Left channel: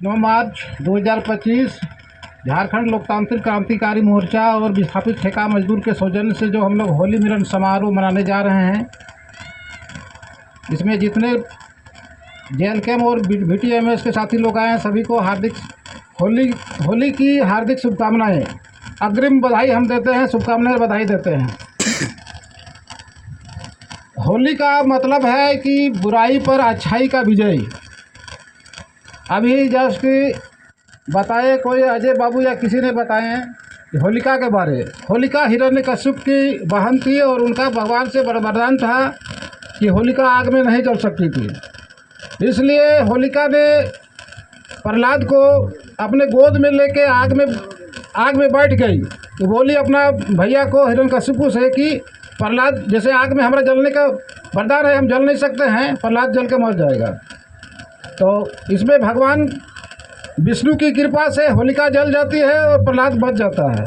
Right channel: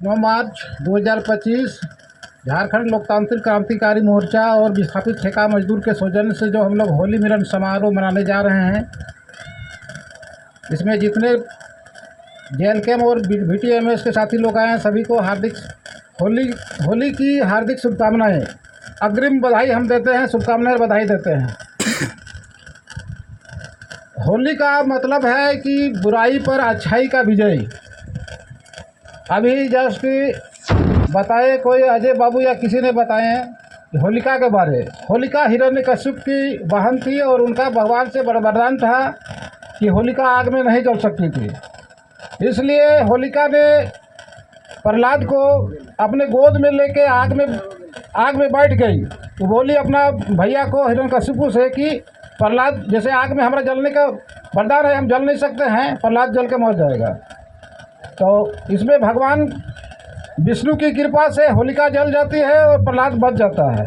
9 मार्च 2025 झारखंड लोकतांत्रिक क्रांतिकारी मोर्चा और विस्थापित ठेका मजदूर के सौजन्य से जो हम लोग होली मिलन समारोह मनाने जा रहे हैं, इसमें जितने JLCAM और VTMS के साथी लोग आए हैं सभी को हार्दिक होली की हार्दिक शुभकामनाएं, अग्रिम बधाई हम देते हैं, शुभकामनाएं बधाई देते हैं। होली का मतलब है कि बुराई पर अच्छाई का विजय। अभी जस्ट बताए कोई अजय बाबू या किसी ने बताए कि होलिका के बारे। होलिका हिरण्यकश्यप की बहन थी और उनका भगवान से वरदान था कि होलिका आग में नहीं जल सकती थी। इसलिए होलिका ने प्रहलाद को अपने गोद में लेके आग में बैठ गई। तो बोली अपना भैया को हिरण्यकश्यप से कि प्रहलाद जैसे आग में हमारा जलने का वरदान है, हम जल नहीं सकते हैं, प्रहलाद जल के मर जाएगा। तो इसमें भगवान विष्णु की कृपा से होलिका जल जाती है और प्रहलाद बच जाता है।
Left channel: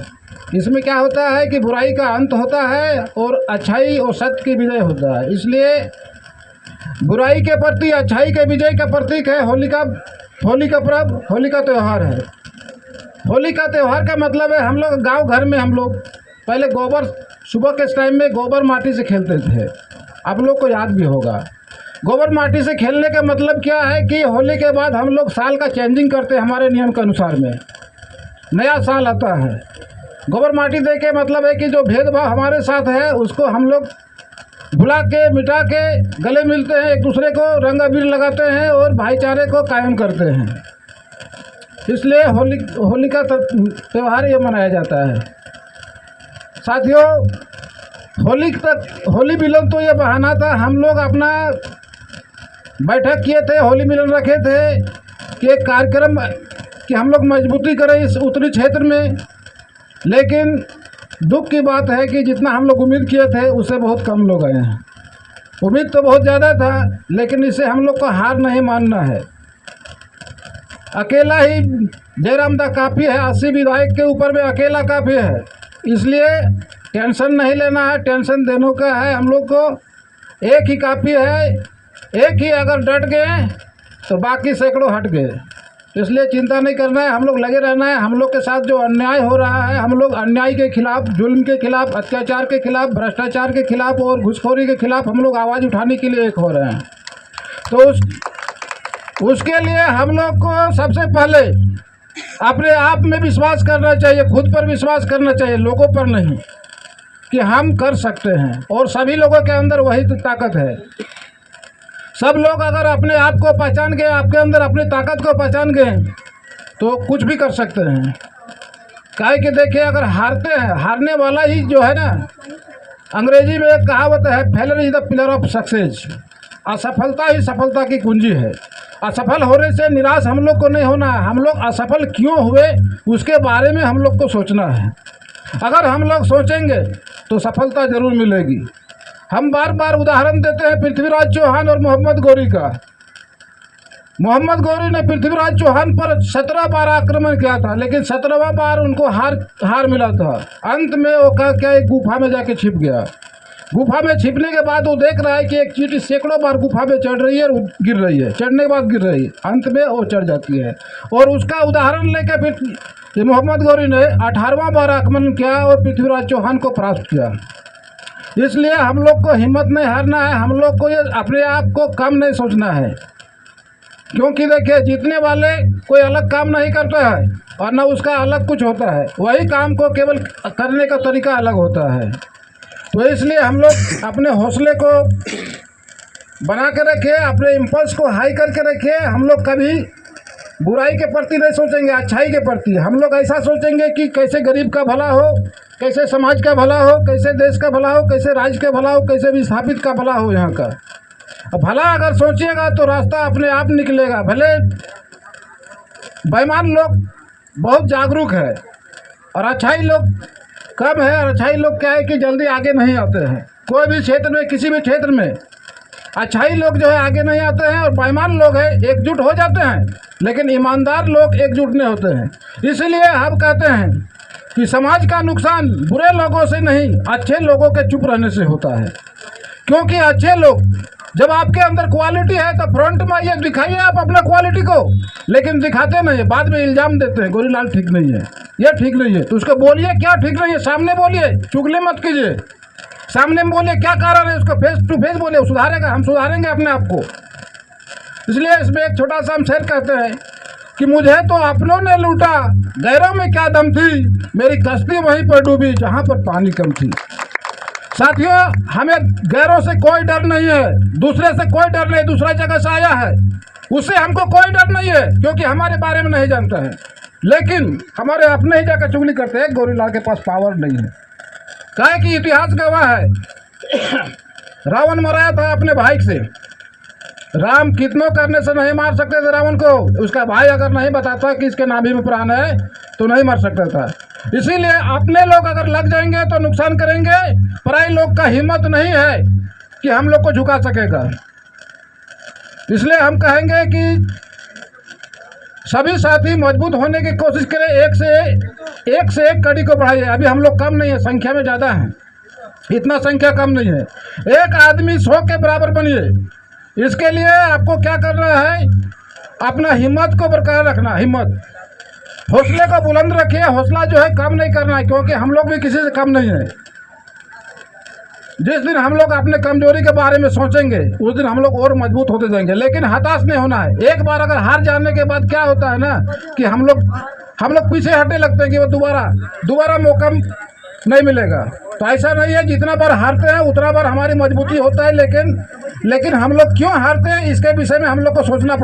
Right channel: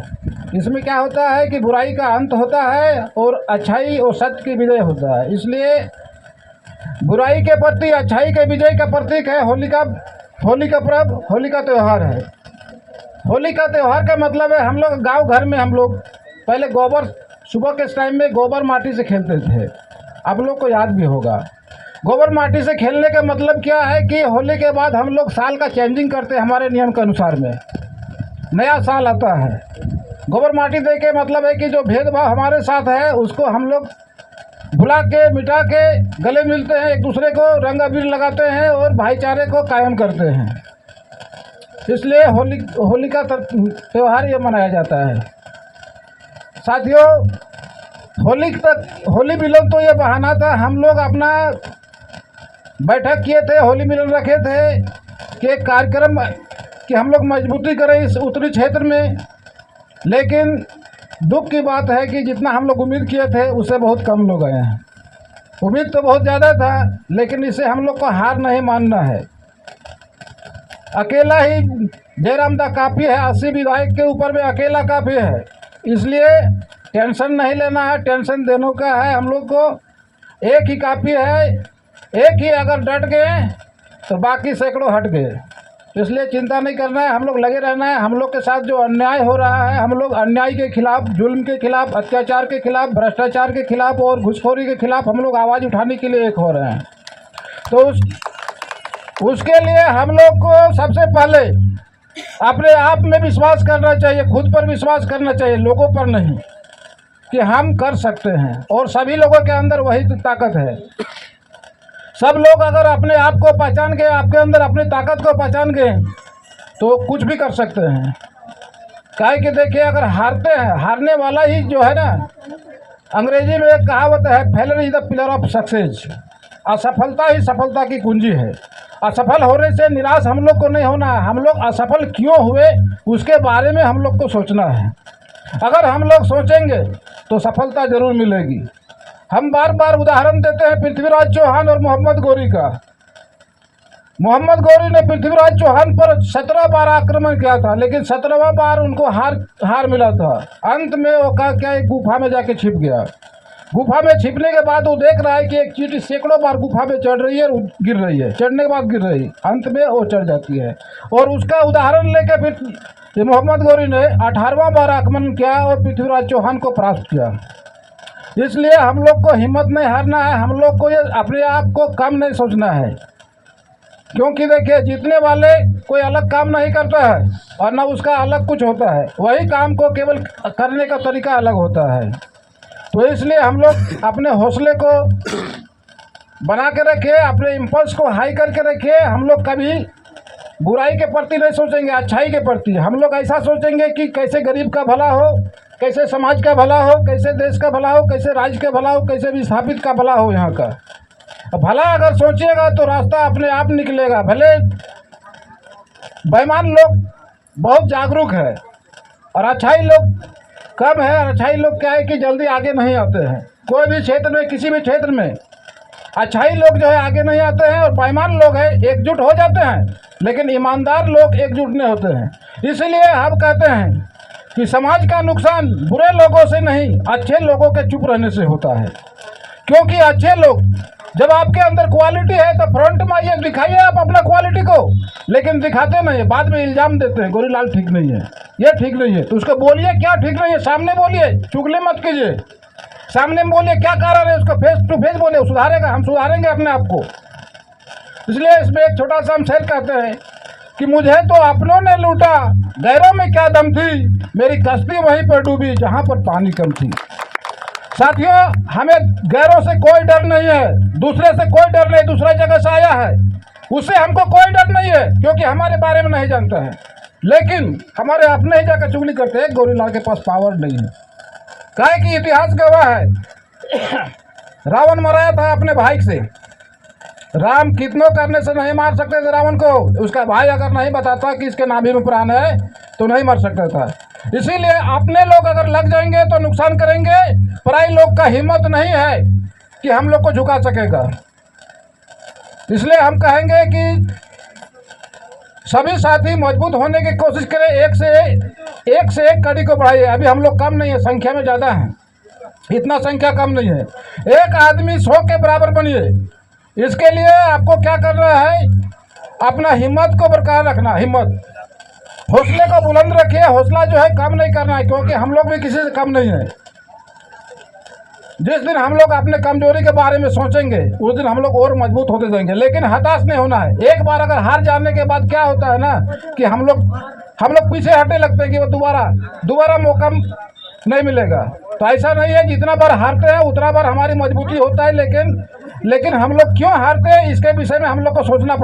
इसमें क्या होता है कि बुराई का अंत होता है और अच्छाई और सत्य की विजय होता है। इसलिए बुराई के प्रति अच्छाई के विजय का प्रतीक है होली का पर्व, होली का त्यौहार है। होली का त्यौहार का मतलब है हम लोग गाँव घर में हम लोग पहले गोबर सुबह के टाइम में गोबर माटी से खेलते थे। आप लोग को याद भी होगा। गोबर माटी से खेलने का मतलब क्या है कि होली के बाद हम लोग साल का चेंजिंग करते हैं। हमारे नियम के अनुसार में नया साल आता है। गोबर माटी दे के मतलब है कि जो भेदभाव हमारे साथ है उसको हम लोग भुला के मिटा के गले मिलते हैं, एक दूसरे को रंग अबीर लगाते हैं और भाईचारे को कायम करते हैं। इसलिए होली का त्यौहार ये मनाया जाता है। साथियों, होली मिलन तो ये बहाना था। हम लोग अपना बैठक किए थे, होली मिलन रखे थे कि एक कार्यक्रम कि हम लोग मजबूती करें इस उत्तरी क्षेत्र में। लेकिन दुख की बात है कि जितना हम लोग उम्मीद किए थे उससे बहुत कम लोग आए हैं। उम्मीद तो बहुत ज़्यादा था, लेकिन इसे हम लोग को हार नहीं मानना है। अकेला ही जयराम दा काफ़ी है, 80 विधायक के ऊपर में अकेला काफ़ी है। इसलिए टेंशन नहीं लेना है, टेंशन देने का है। हम लोग को एक ही काफ़ी है। एक ही अगर डट गए तो बाकी सैकड़ों हट गए। इसलिए चिंता नहीं करना है, हम लोग लगे रहना है। हम लोग के साथ जो अन्याय हो रहा है, हम लोग अन्याय के खिलाफ, जुल्म के खिलाफ, अत्याचार के खिलाफ, भ्रष्टाचार के खिलाफ और घुसखोरी के खिलाफ हम लोग आवाज़ उठाने के लिए एक हो रहे हैं। तो उसके लिए हम लोग को सबसे पहले अपने आप में विश्वास करना चाहिए, खुद पर विश्वास करना चाहिए, लोगों पर नहीं, कि हम कर सकते हैं। और सभी लोगों के अंदर वही तो ताकत है। सब लोग अगर अपने आप को पहचान गए, आपके अंदर अपनी ताकत को पहचान गए तो कुछ भी कर सकते हैं। काहे कि देखिए, अगर हारते हैं, हारने वाला ही जो है ना, अंग्रेजी में एक कहावत है, failure is the pillar of success. असफलता ही सफलता की कुंजी है। असफल होने से निराश हम लोग को नहीं होना है। हम लोग असफल क्यों हुए उसके बारे में हम लोग को सोचना है। अगर हम लोग सोचेंगे तो सफलता जरूर मिलेगी। हम बार बार उदाहरण देते हैं पृथ्वीराज चौहान और मोहम्मद गौरी का। मोहम्मद गौरी ने पृथ्वीराज चौहान पर 17 बार आक्रमण किया था, लेकिन 17वां बार उनको हार मिला था। अंत में वो क्या एक गुफा में जाके छिप गया। गुफा में छिपने के बाद वो देख रहा है कि एक चींटी सैकड़ों बार गुफा में चढ़ रही है और गिर रही है, चढ़ने के बाद गिर रही है, अंत में वो चढ़ जाती है। और उसका उदाहरण लेकर फिर मोहम्मद गौरी ने 18वां बार आक्रमण किया और पृथ्वीराज चौहान को परास्त किया। इसलिए हम लोग को हिम्मत नहीं हारना है। हम लोग को ये अपने आप को कम नहीं सोचना है, क्योंकि देखिए, जीतने वाले कोई अलग काम नहीं करता है और न उसका अलग कुछ होता है। वही काम को केवल करने का तरीका अलग होता है। तो इसलिए हम लोग अपने हौसले को बना के रखें, अपने इम्पल्स को हाई करके रखें। हम लोग कभी बुराई के प्रति नहीं सोचेंगे, अच्छाई के प्रति। हम लोग ऐसा सोचेंगे कि कैसे गरीब का भला हो, कैसे समाज का भला हो, कैसे देश का भला हो, कैसे राज्य का भला हो, कैसे विस्थापित का भला हो। यहाँ का भला अगर सोचिएगा तो रास्ता अपने आप निकलेगा। भले बेईमान लोग बहुत जागरूक है और अच्छाई लोग कम है। और अच्छाई लोग क्या है कि जल्दी आगे नहीं आते हैं। कोई भी क्षेत्र में, किसी भी क्षेत्र में अच्छाई लोग जो है आगे नहीं आते हैं और बेईमान लोग हैं एकजुट हो जाते हैं, लेकिन ईमानदार लोग एकजुट नहीं होते हैं। इसलिए हम कहते हैं कि समाज का नुकसान बुरे लोगों से नहीं, अच्छे लोगों के चुप रहने से होता है। क्योंकि अच्छे लोग जब आपके अंदर क्वालिटी है तो फ्रंट में ये दिखाइए आप अपना क्वालिटी को, लेकिन दिखाते नहीं, बाद में इल्जाम देते हैं गोरीलाल ठीक नहीं है, ये ठीक नहीं है। तो उसको बोलिए क्या ठीक नहीं है, सामने बोलिए, चुगली मत कीजिए, सामने में बोलिए क्या कारण है, उसको फेस टू फेस बोलिए, सुधारेगा, हम सुधारेंगे अपने आप को। इसलिए इसमें एक छोटा सा हम शेर कहते हैं कि मुझे तो अपनों ने लूटा, गैरों में क्या दम थी, मेरी कश्ती वहीं पर डूबी जहाँ पर पानी कम थी। साथियों, हमें गैरों से कोई डर नहीं है, दूसरे से कोई डर नहीं, दूसरा जगह से आया है उससे हमको कोई डर नहीं है, क्योंकि हमारे बारे में नहीं जानता है। लेकिन हमारे अपने ही जाकर चुगली करते हैं, गोरीलाल के पास पावर नहीं है। काहे कि इतिहास गवाह है रावण मराया था अपने भाई से, राम कितनों करने से नहीं मार सकते थे रावण को, उसका भाई अगर नहीं बताता कि इसके नाभि में प्राण है तो नहीं मार सकता था। इसीलिए अपने लोग अगर लग जाएंगे तो नुकसान करेंगे, पराई लोग का हिम्मत नहीं है कि हम लोग को झुका सकेगा। इसलिए हम कहेंगे कि सभी साथी मजबूत होने की कोशिश करें, एक से एक कड़ी को बढ़ाइए। अभी हम लोग कम नहीं है, संख्या में ज़्यादा है, इतना संख्या कम नहीं है। एक आदमी 100 के बराबर बनिए। इसके लिए आपको क्या करना है, अपना हिम्मत को बरकरार रखना, हिम्मत, हौसले को बुलंद रखिए। हौसला जो है कम नहीं करना है, क्योंकि हम लोग भी किसी से कम नहीं है। जिस दिन हम लोग अपने कमजोरी के बारे में सोचेंगे उस दिन हम लोग और मजबूत होते जाएंगे, लेकिन हताश नहीं होना है। एक बार अगर हार जाने के बाद क्या होता है ना कि हम लोग पीछे हटने लगते हैं कि वो दोबारा मौका नहीं मिलेगा। तो ऐसा नहीं है, जितना बार हारते हैं उतना बार हमारी मजबूती होता है। लेकिन हम लोग क्यों हारते हैं इसके विषय में हम लोग को सोचना पड़ता है।